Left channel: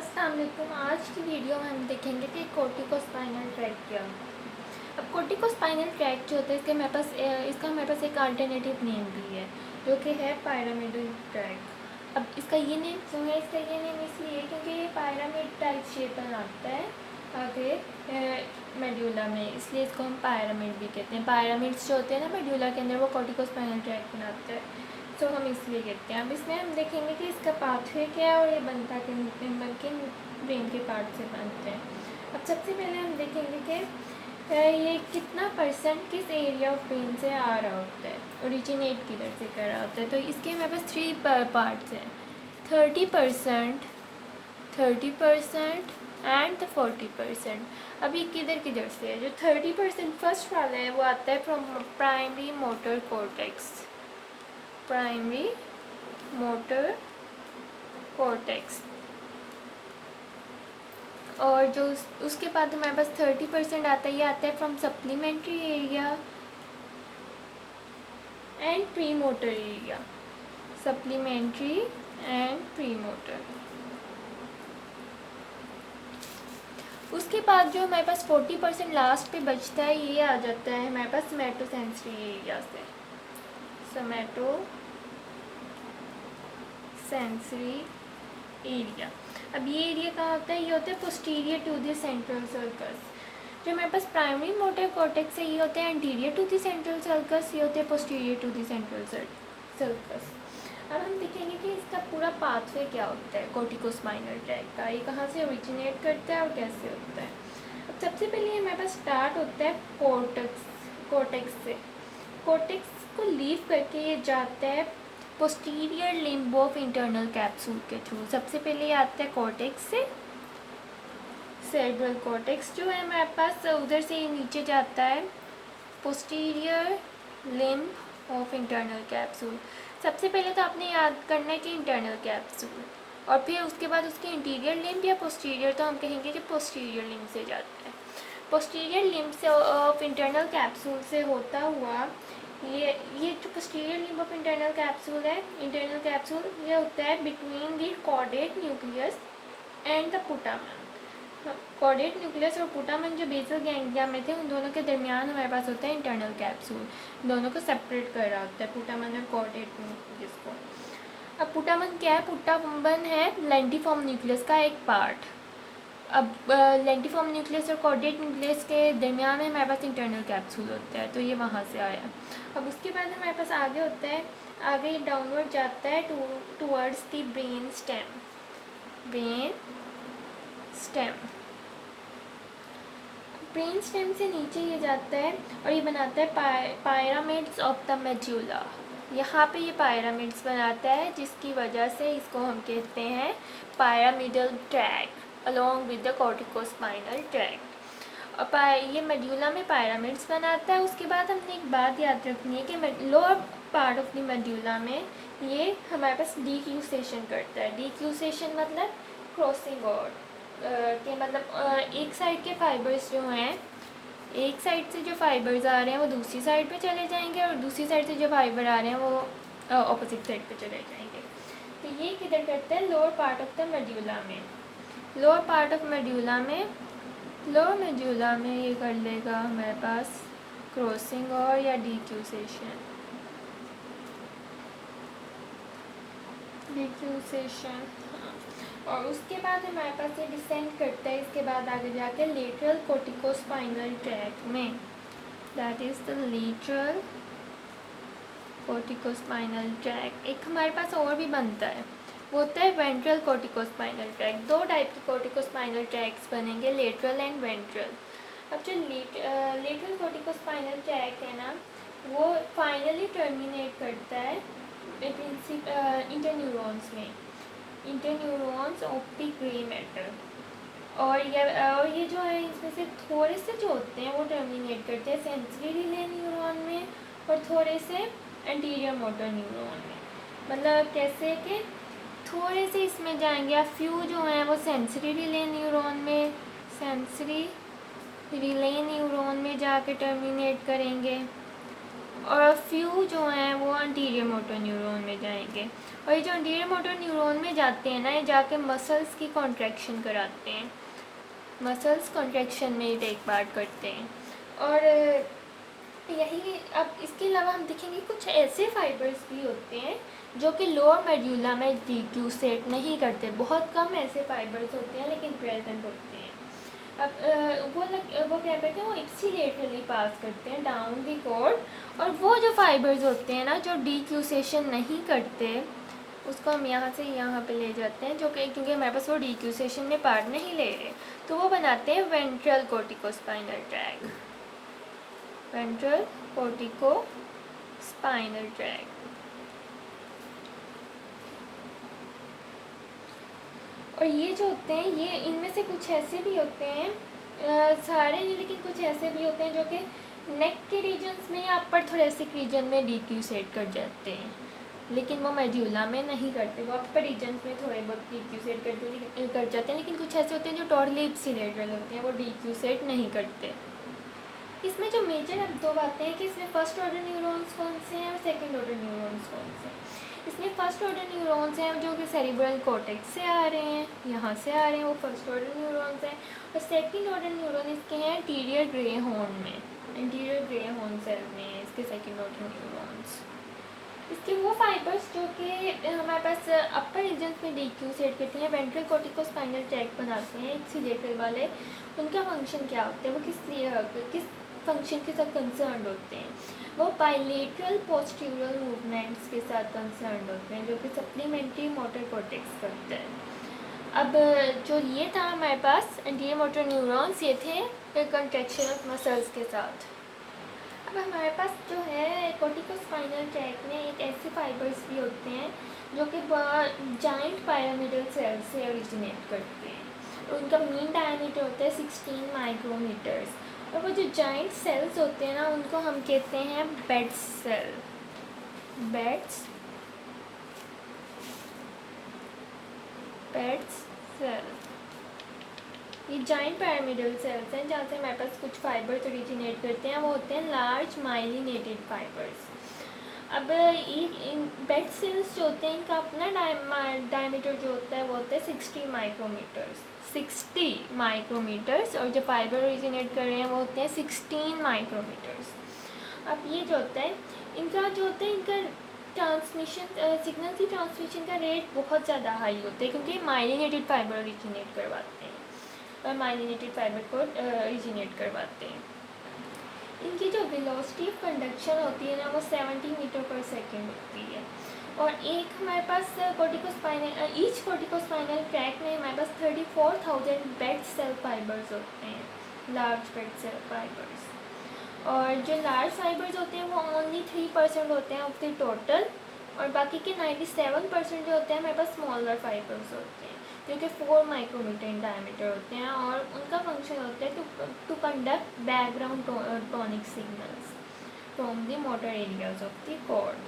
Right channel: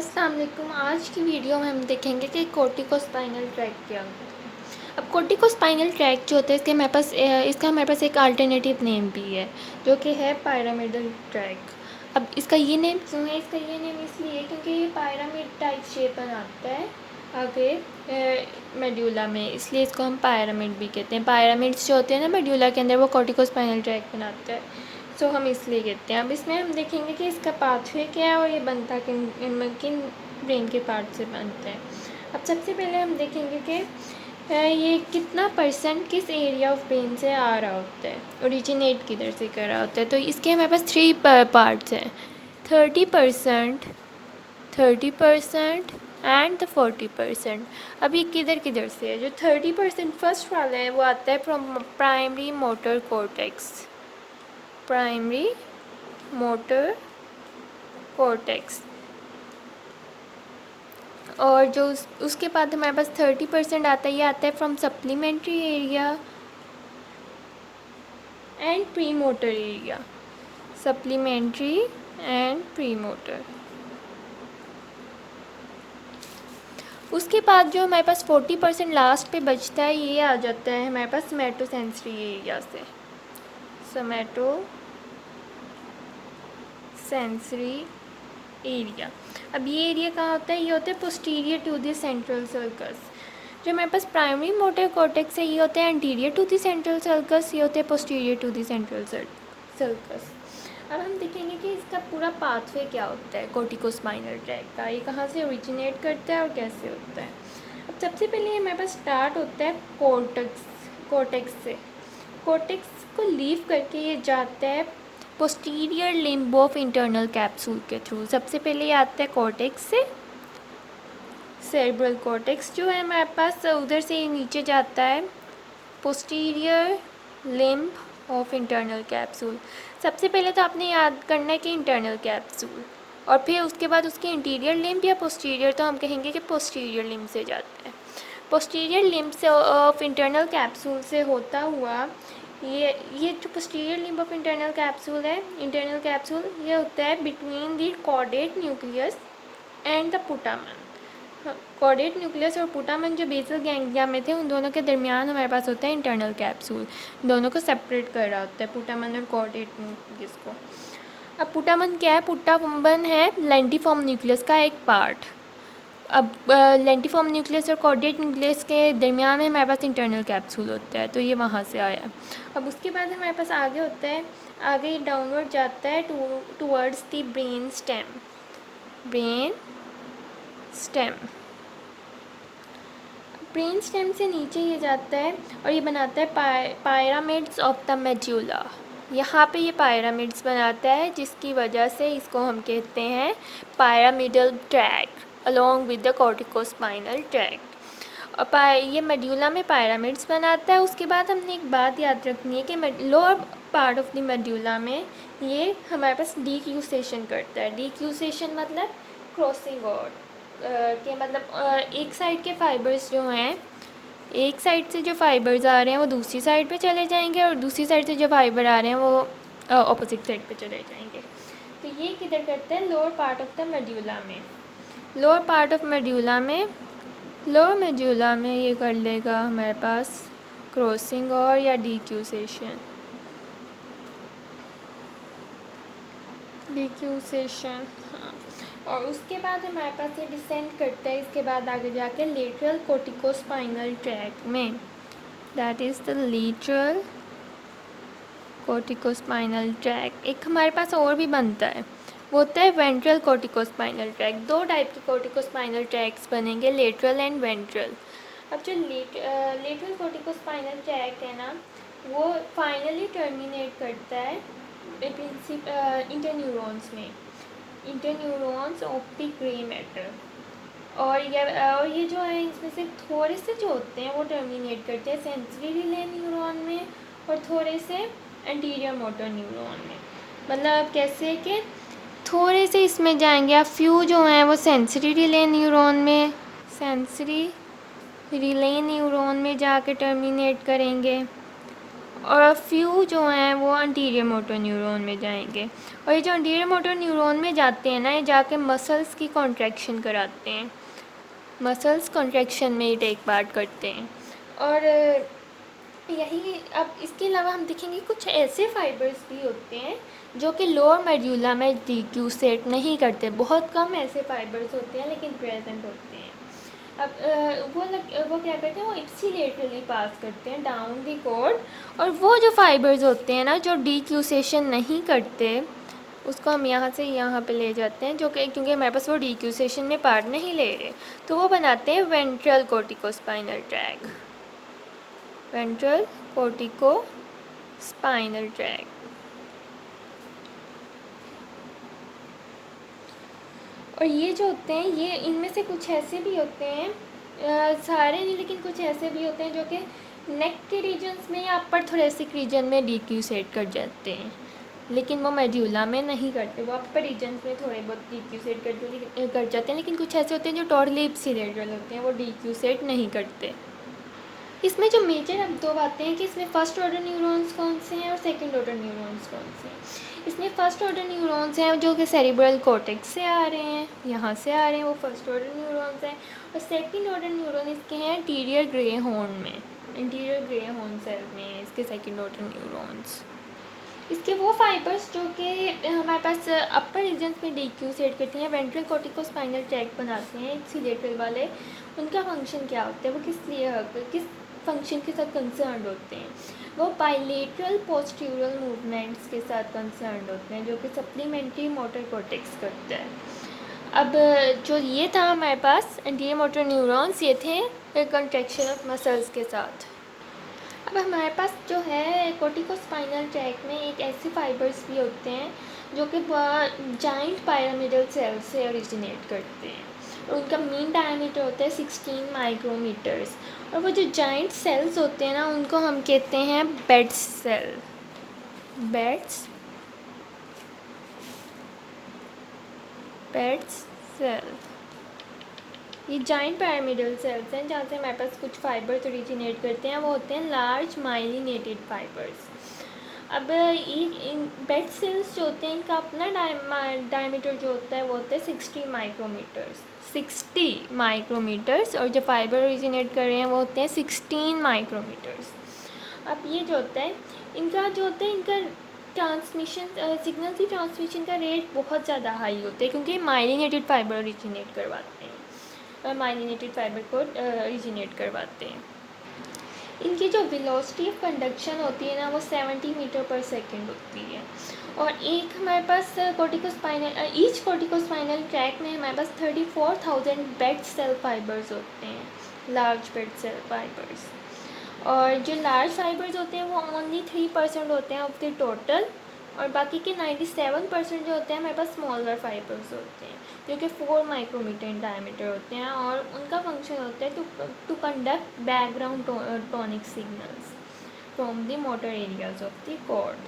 अस्सलाम वालेकुम। आज की वीडियो में हम देखेंगे कि कोर्टिकोस्पाइनल ट्रैक क्या होता है। अब कोर्टिकोस्पाइनल ट्रैक जो होता है इसका हमारे पास एक अल्टरनेटिव नेम भी है जो कि है पिरामिडल ट्रैक। अब इसका ये नेम क्यों है? इसका ये नेम इसलिए क्योंकि ये पिरामिड टाइप शेप बनाता है आगे मेड्यूला में, इसलिए इसको हम पिरामिड भी कहते हैं। पिरामिड्स जो होते हैं ना मेड्यूला के अंदर, वो कोर्टिकोस्पाइनल ट्रैक बनाते हैं, तो हम इसलिए कहते हैं। अब इसमें हम देखेंगे कि इसका पाथवे क्या है और ये बनता किन किन ब्रेन के पार्ट से बनते हैं। अब सबसे पहले हम देखेंगे कि ये कितना परसेंट किस एरिया ऑफ ब्रेन से आ रहा होता है, ओरिजिनेट किधर से कर रहा होता है। तो इसके हमारे पास 3 पार्ट्स हैं, 30%, 30% एंड 40%। अब ये किधर किधर से है? जो 30% फर्स्ट वाला है वो आता है from primary motor cortex, primary motor cortex. और जो उसके बाद हमारे पास 30% आता है, ये आता है from supplementary area and pre motor area, supplementary and pre motor. उसके बाद जो हमारे पास 40% लास्ट पे बचता है, ये आ जाता है हमारे पास सोमैटोसेंसरी एरिया से, सोमैटो सेंसरी एरिया। अब ये एरिया कहाँ होता है? ये होता है posterior to the central sulcus. जो हमारे पास प्राइमरी मोटर कॉर्टेक्स है, ये होते हैं anterior to the central sulcus, ये होते हैं posterior to the central sulcus. अब हम देखेंगे कि इसका पूरा पाथवे क्या होता है कोर्टिकोस्पाइनल ट्रैक का, ये कहाँ से ओरिजिनेट करता है और कैसे होता है। अब सबसे पहले ये हमारे पास स्टार्ट होता है कॉर्टेक्स से। कॉर्टेक्स को लीव करके ये जाता है posterior limb of internal capsule के थ्रू। सबसे पहले ये आता है कॉर्टेक्स से, सेरेब्रल कॉर्टेक्स जो है हमारे पास, उधर से ये नीचे जाता है posterior limb of internal capsule. सबसे पहले तो आपने याद करना है कि इंटरनल कैप्सूल, और फिर उसके बाद उसके इंटीरियर लिम्ब या पोस्टीरियर, तो हम कहेंगे कि पोस्टीरियर लिम्ब से जाता है। पोस्टीरियर लिम्ब से ऑफ इंटरनल कैप्सूल से होता हुआ ये जो posterior limb of internal capsule है, इंटरनल कैप्सूल, ये होता है between the caudate nucleus and the putamen. Caudate nucleus और पुटामन जो बेसल गैंग्लिया में थे, उन दोनों के दरमियान हमारे पास होता है इंटरनल कैप्सूल, दोनों को सेपरेट कर रहा होता है, पुटामन और कॉर्डेट न्यूक्लियस को। अब पुटामन क्या है? पुटामन है लेंटिफॉर्म न्यूक्लियस का एक पार्ट। अब लेंटिफॉर्म न्यूक्लियस और कॉर्डेट न्यूक्लियस के दरमियान में हमारे पास इंटरनल कैप्सूल होता है, तो ये वहाँ से आया। अब उसके बाद हमारे पास आगे होता है, आगे ये डाउनवर्ड जाता है towards the brain stem, brain stem. Brain stem से नीचे ये जाता है और ये बनाता है पायरामिड्स ऑफ द मेड्यूला। यहाँ पे ये पायरामिड्स बनाता है, जिसकी वजह से इसको हम कहते हैं pyramidal track along with the corticospinal tract. और ये मेड्यूला में पायरामिड्स बनाता है। उसके बाद हमने एक बात याद रखनी है कि lower part of the medulla में ये हमारे पास डीक्यूसेशन करता है। डीक्यूसेशन मतलब क्रॉसिंग आउट के, मतलब एक साइड के फाइबर्स जो हैं, एक साइड से जो फाइबर्स आ रहे हैं वो दूसरी साइड पे चले जाएंगे, और दूसरी साइड से जो फाइबर आ रहे हैं वो ऑपोजिट साइड पे चले जाएंगे। तो ये किधर करते हैं? Lower part of the medulla में। लोअर पार्ट ऑफ मेड्यूला में, लोअर मेड्यूला में ये कर लेगा हमारे पास क्रॉसिंग और या डीक्यूसेशन, डीक्यूसेशन। और उसके बाद हमारे पास ये डिसेंड करता है, इसके बाद आगे जाके लेटरल कोर्टिकोस्पाइनल ट्रैक में, that is the lateral corticospinal track. एक हमारे पास और भी बनता है, वो होता है वेंट्रल कोर्टिकोस्पाइनल ट्रैक। 2 टाइप के कोर्टिकोस्पाइनल ट्रैक्स बनेंगे, लेटरल एंड वेंट्रल। अब जो लेटरल कोर्टिकोस्पाइनल ट्रैक है ना, वो फाइनली टर्मिनेट करता है इंटरन्यूरॉन्स में, interneurons of the grey matter. और ये जो है, इसमें से थोड़े से जो होते हैं वो टर्मिनेट करते हैं सेंसरी रिले न्यूरॉन में, और थोड़े से एंटीरियर मोटर न्यूरॉन में। मतलब कैसे कि थोड़े से इसमें जाएंगे, अब फ्यू जो हैं वो सेंसरी रिले न्यूरॉन में, सेंसरी रिले न्यूरॉन में जाके टर्मिनेट करेंगे, और फ्यू जो हैं वो एंटीरियर मोटर न्यूरॉन में जाएंगे, और ये जो एंटीरियर मोटर न्यूरॉन में जाते हैं ना, ये जाके मसल्स की कॉन्ट्रैक्शन कराते हैं, मसल्स कॉन्ट्रैक्शन में ही टेक पार्ट करते हैं। और यही अब इसके अलावा हम देखेंगे कुछ ऐसे फाइबर्स भी होते हैं जो कि लोअर मेड्यूला में डिक्यूसेट नहीं करते, बहुत कम ऐसे फाइबर्स होते हैं लेकिन प्रेजेंट होते हैं। अब वो क्या कहते हैं, वो इप्सिलेटरली पास करते हैं डाउन दी कॉर्ड, और वो जो फाइबर्स होते हैं ना जो डिक्यूसेशन नहीं करते, उसको हम यहाँ से यहाँ पे ले जाते हैं, जो कि क्योंकि हमारे पास वो डिक्यूसेशन में पार्ट नहीं ले रहे, तो वो बनाते हैं ventral corticospinal track, ventral cortico spinal track. और ये जो होते हैं, ये इनमें से कुछ ऐसे भी होते हैं, सारे नहीं लेकिन कुछ ऐसे भी होते हैं जो कि नेक के रीजन्स में या अपर थोरेसिक रीजन में डिक्यूसेट कर जाते हैं, लेकिन वो मेड्यूला में नहीं करते, वो अपर रीजन्स में थोड़े बहुत डिक्यूसेट कर जाते हैं, लेकिन कुछ ऐसे होते हैं जो टोटली इप्सिलेटरल होते हैं, वो डिक्यूसेट नहीं करते। इसमें जो मेजर अब दो बातें हैं कि इसमें फर्स्ट ऑर्डर न्यूरॉन्स कौन से हैं और सेकंड ऑर्डर न्यूरॉन्स कौन से हैं। इसमें फर्स्ट ऑर्डर न्यूरॉन्स हैं जो कि सेरिब्रल कॉर्टेक्स से आ रहे हैं, यहाँ से आ रहे हैं, वो फर्स्ट ऑर्डर न्यूरॉन्स हैं। और सेकंड ऑर्डर न्यूरॉन इसके हैं इंटीरियर ग्रे हॉर्न में, इंटीरियर ग्रे हॉर्न सेल में है इसके सेकंड ऑर्डर न्यूरॉन्स। इसके वो फाइबर्स जो कि हमारे पास अपर रीजन्स में डिक्यूसेट करते हैं, वेंट्रल कोर्टिकोस्पाइनल ट्रैक बनाते हैं इप्सिलेटरल वाले, उनका फंक्शन क्या होता है, वो किस फंक्शन के साथ कंसर्न होते हैं, वो बाइलेटरल पोस्टीरियर मूवमेंट्स के साथ कंसर्न होते हैं, जो कि सप्लीमेंट्री मोटर कॉर्टेक्स करते हैं। अब जो ये था हमारे पास एंटीरियर मोटर न्यूरॉन्स, ये थे कंट्रैक्शन ऑफ मसल्स के साथ। अब हमारे पास जो है कोर्टिकोस्पाइनल ट्रैक में एक ऐसे फाइबर्स भी होते हैं जो कि जाइंट पायरामिडल सेल से ओरिजिनेट करते हैं, और उनका मीन डायमीटर होता है 16 माइक्रोमीटर्स, और वो जो जाइंट सेल्स होते हैं ना उनको हम कहते हैं बेड्स सेल, बेड्स सेल। ये जाइंट पिरामिडल सेल्स हैं जहाँ से हमारे पास कुछ फाइबर्स ओरिजिनेट करते हैं, वो होते हैं लार्ज माइलिनेटेड फाइबर्स। अब ये बेड सेल्स जो होते हैं इनका अपना डायमीटर जो होता है वो होता है 60 माइक्रोमीटर्स, और जो फाइबर ओरिजिनेट कर रहे हैं वो होते हैं 16 माइक्रोमीटर्स। अब ये जो होता है इनका ट्रांसमिशन, सिग्नल की ट्रांसमिशन का रेट बहुत ज़्यादा हाई होता है, क्योंकि माइलिनेटेड फाइबर ओरिजिनेट करवाते हैं, माइलिनेटेड फाइबर को ओरिजिनेट करवाते हैं। इनकी जो वेलोसिटी ऑफ कंडक्शन होती है ना वो 70 मीटर पर सेकेंड होती है, और एक हमारे पास ईच कोर्टिकोस्पाइनल ट्रैक में हमारे पास 34,000 बेड सेल फाइबर्स होते हैं, लार्ज बेड सेल फाइबर्स। और जो लार्ज फाइबर्स होते हैं वो ओनली 3% होते हैं ऑफ द टोटल, और बाकी के 97% जो होते हैं हमारे पास स्मॉलर फाइबर्स होते हैं जो कि 4 माइक्रोमीटर इन डायमीटर होते हैं, और उनका फंक्शन होता है to conduct background tonic signals from the motor areas of the cord.